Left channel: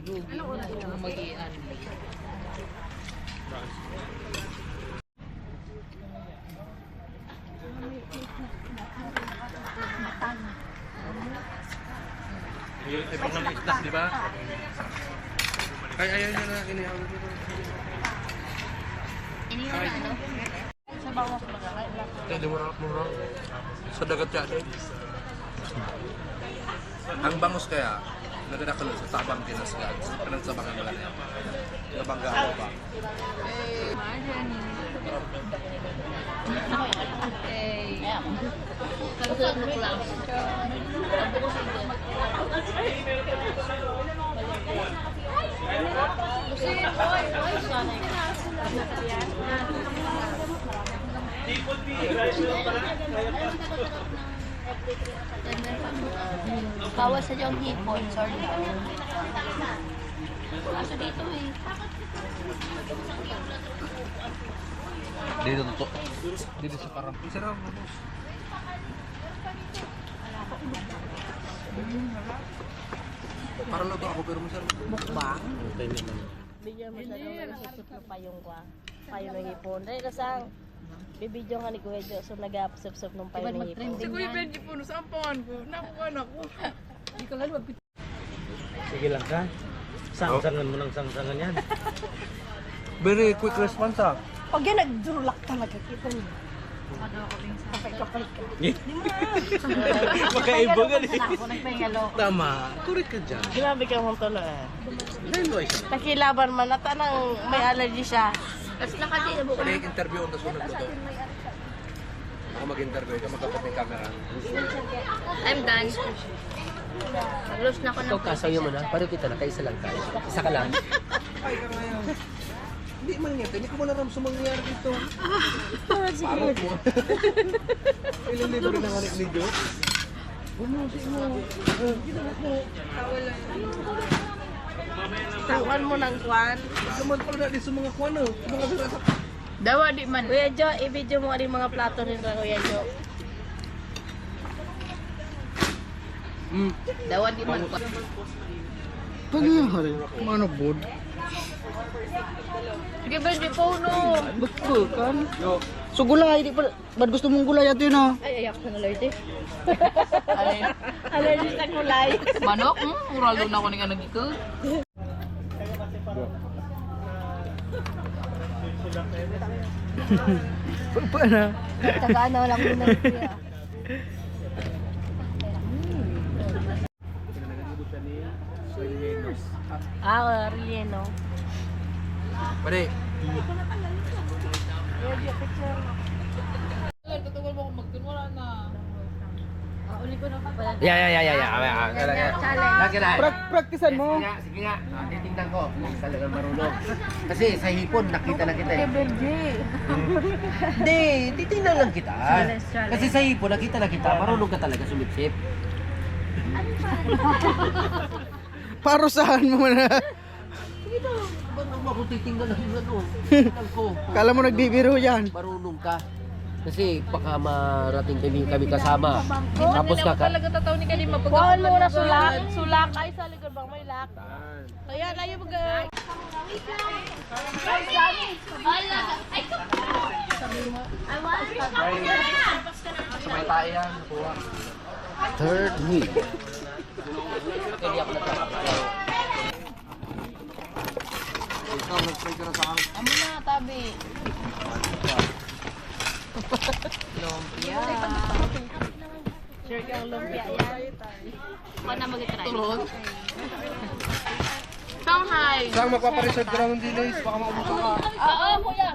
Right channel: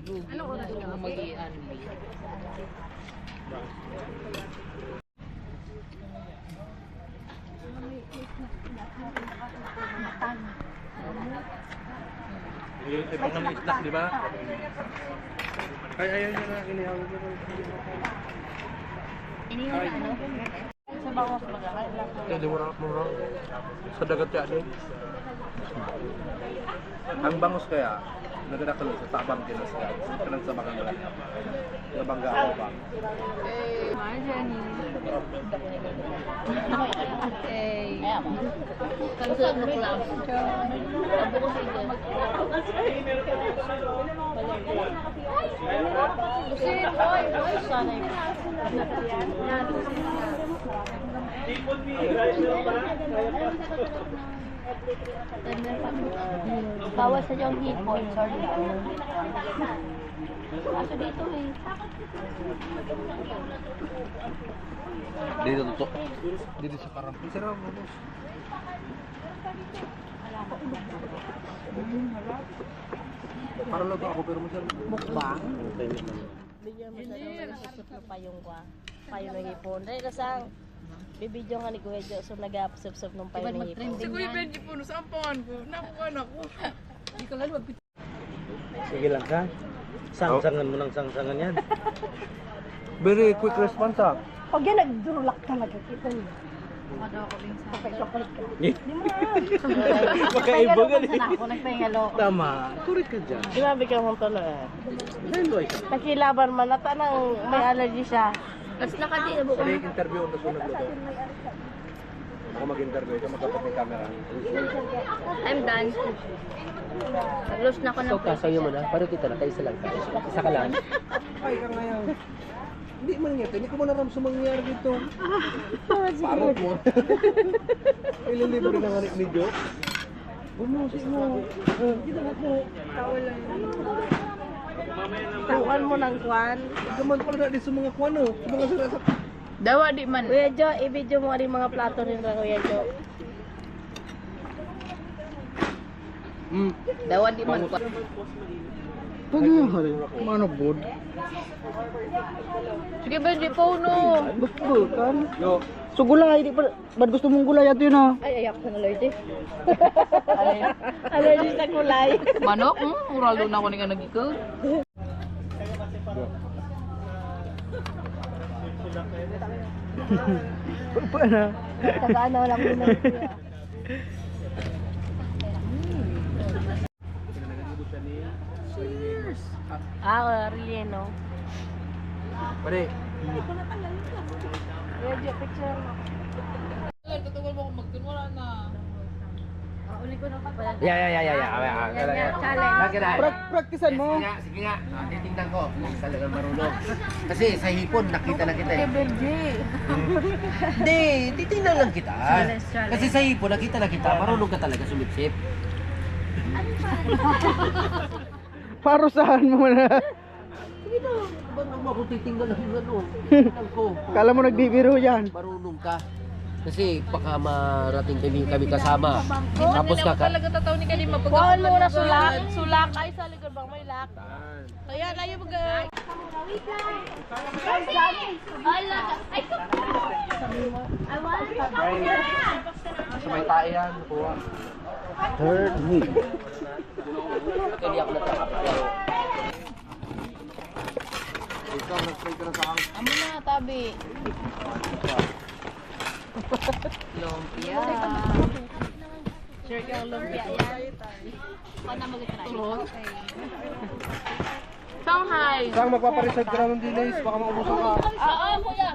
Dudug. Ano mag-ian? Yung ibang ng islas, di ba? Ay, ayun na inihawag ko. Iniwan na ano? Sa bawah pala. Hindi mo sa dagat yan eh. Ang bangus kaya, nagdadakalo sa tabang kinasgan. Kanang sa bakang malaki. Nabangga ako ba? Okay. Kansulat mo lang. Abo ko sa ito. Lusin, oy, oy, sanay. Bawas sa yung hipon, sorry. Kaso dito eh. Dito to. Dito sa parang. Sarap mo boss. Para lodo ako pero masarap. Mukbang. Bigyan mo sa naman susut na payong kwa. Payong ng hipon. Dahil kasang bibidyo nga ni Kuya Jo, so nag-apsop-sop ng payong ng hipon. Si Kuya Benji po, sa ampangan ko. Nakuha na ko. Hindi ko lalo magpit. Sige lang ka. Sangsangan mo ng sangsangan yan. Very quick response ah. Pag yan, nagdurulak talaga kita niyo. Kapag-kapag ka. Magkaiba ka eh. Ako nagpahingalo. Tama. Correct ka dyan. Grabe ka mong tulo eh. Hello, isa. Nakilaban man, natanang may allergy siya. Tapos nakadi na buko. Pwede interview ang sunod luto. Ako mag-interview, ikaw magkapit ng camera. I'm done. Nag-lose na ako ng Kasayo mo na. Paano kita na? Kaisa lang tayo. Isa ka lang. Ay ka ngayon. Hindi man nga, hindi ko man aram sa mangyayari dito. Parot mo. Ilang libre na nga ni Jo. Bumusin mo. Ginawa mo. Tawan mo ng kwan. Gaman pala na din sa mga kwano. Sa mga sarasak. Dawa di man. Kuya Jo, i-video mo rin mga plato rin ra Kuya Jo. Dawa di man. Pag yung hari, mano bod? Sige Benji po no. Betul kan? So gulay, di pa, ba't gusto mong gulay ato yun ha? Ay, ayak na allergy. Allergy sa kulay. Manok? Mural doon ako nga nag-ikaw. Pa na? Tagaan na lang muna Kuya. Relleno. Pare. Kuya Jo, picture mo. Tutugal mo kung magtunwala na. Uli ko na pa pala. Challenge. Praktisan mo. Sige nga, titingnan ko kung talagang marunong. Kasi sa hipon, nakita na kita eh. Hindi, titingnan lang kita. Kasi sa hipon, nakita na kita, marunong ka talaga sumipsip. Parusahan mo na. Ba't naman ako titingnan lang yung ano? Titingnan ko. Kala mo nagbibiro yan. Marunong ka. Kasi baka marating kami kasama. Tapos Hindi ako talaga tataw ni Kalima pag Kuhaan ako mo na malugar. sulak. Sulak ay sa likod bang may lak. Kaya na yung mag... Sa may tae yan. Nakuha. third week. Hindi ako nagkakapalaw. Ikaw, nag-spray ka na sa akin. Amo na, tabi. Lumpia. Sure kang lumpia yan. Ako na mag-try. Shanghai. Saan magpapareserve ka ng delays? Baka maubusan ka. Oo, kuya.